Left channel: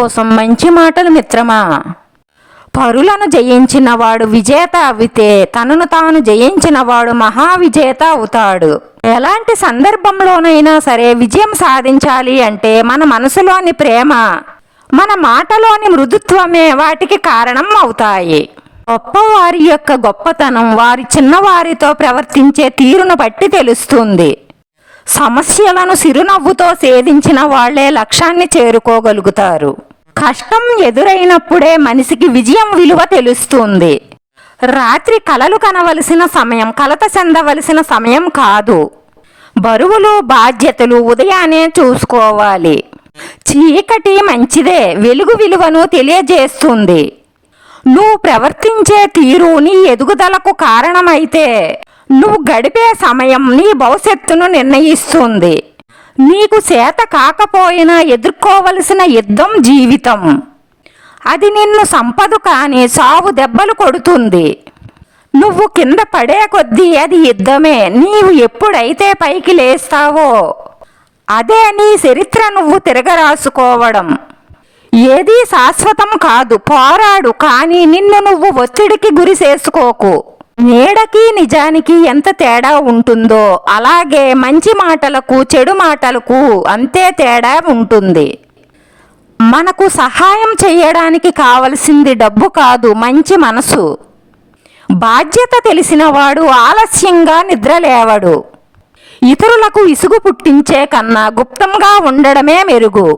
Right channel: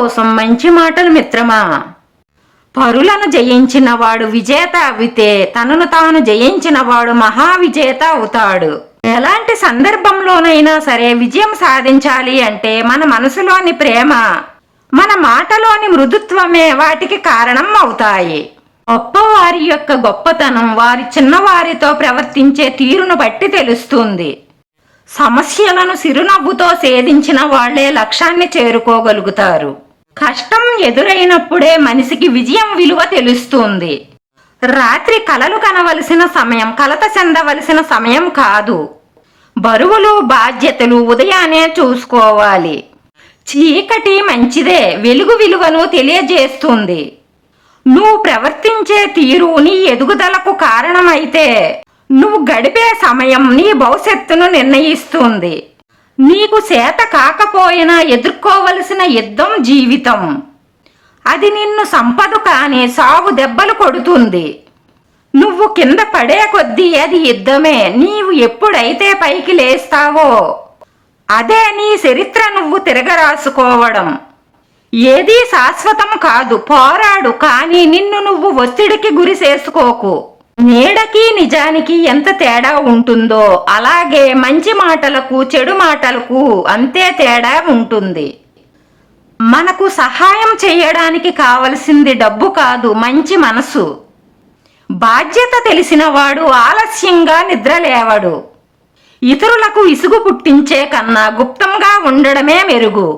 కోసం మంచి మాటలు మిత్రమా? పరులను జయించినవాడు విజేత అవితే తనను తాను జయించినవాడు మహావిజేత అవుతాడు. ఎలాంటి సందర్భంలోనైనా సరే విజయం సాధించాలి అంటే మన మనసులోని ప్రేమ మన మాటలోని మృదుత్వమే వాటికి కారణం అవుతాయి. గొప్పవారి యొక్క గొప్పతనం వారి చిన్నవారితో ప్రవర్తించే తీరును బట్టి తెలుస్తుంది. సమస్యలను సిరునవ్వుతో సేధించిన వాళ్ళే లక్ష్యాన్ని చేరుకోగలుగుతారు. కష్టం ఎదురైనప్పుడే మనిషికి విజయం విలువ తెలుస్తుంది. రాత్రి కలలు కనవలసిన సమయం కలత చెందవలసిన సమయం కాదు. బరువులు బాధ్యతలు ఉదయాన్నే చూసుకోవాలి. చీకటి మంచిదే వెలుగు విలువను తెలియజేస్తుంది. నువ్వు ప్రవర్తించే తీరు నీ ఎదుగుదలకు కారణమైతే నువ్వు గడిపే సమయం నీ భవిష్యత్తును నిర్ణయిస్తుంది. నీకు చేత కాకపోయినా ఎదుర్కోవలసిన యుద్ధం జీవితం. అది నిన్ను సంపదు కానీ సాగు దెబ్బలు కొడుతుంది. నువ్వు కింద పడే కొద్దీ అది యుద్ధమే. నీవు ఎప్పుడైతే పైకి లేస్తావో అదే నీ చరిత్ర నువ్వు తిరగరాసుకోవడం. ఏదీ శాశ్వతం కాదు పోరాడు కానీ నిన్ను నువ్వు ఒత్తిడికి గురి చేసుకోకు. నీడకి నిజానికి ఎంత తేడా ఉంటుందో అలాగే మంచి మాటలకు చెడు మాటలకు అంతే తేడా ఉంటుంది. మనకు సహాయం చేయడానికి కావలసింది డబ్బు కాదు మంచి మనసు. బాధ్యత తెలిసినవాడు ఆలస్యంగా నిద్రలేవడు. ఇతరులకు ఇసుగు పుట్టించే కన్నా గుప్తంగా ఉండడమే మెరుగు.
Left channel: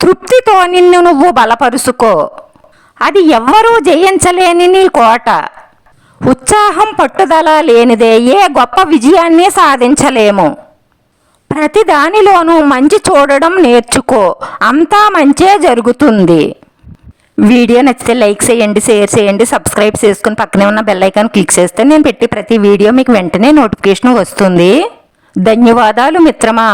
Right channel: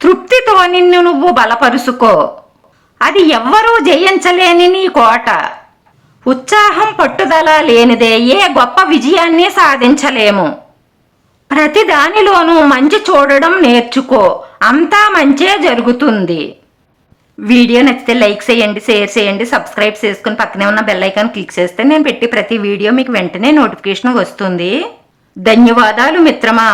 తృప్తితో నిన్ను నువ్వు బలపరుచుకో అది ఎవ్వరూ జయించలేని నీ కోట. ఉత్సాహం పట్టుదల లేనిదే ఏ గొప్ప విజయాన్ని సాధించలేము. ప్రతి దానిలోనూ మంచి చూడడం నేర్చుకో అంతా మంచే జరుగుతుంది. వీడియో నచ్చితే లైక్ చేయండి షేర్ చేయండి సబ్స్క్రైబ్ చేసుకుని పక్కనే ఉన్న బెల్ ఐకాన్ క్లిక్ చేస్తే నేను పెట్టి ప్రతి వీడియో మీకు వెంటనే నోటిఫికేషన్ వస్తుంది. ధన్యవాదాలు మిత్రమా.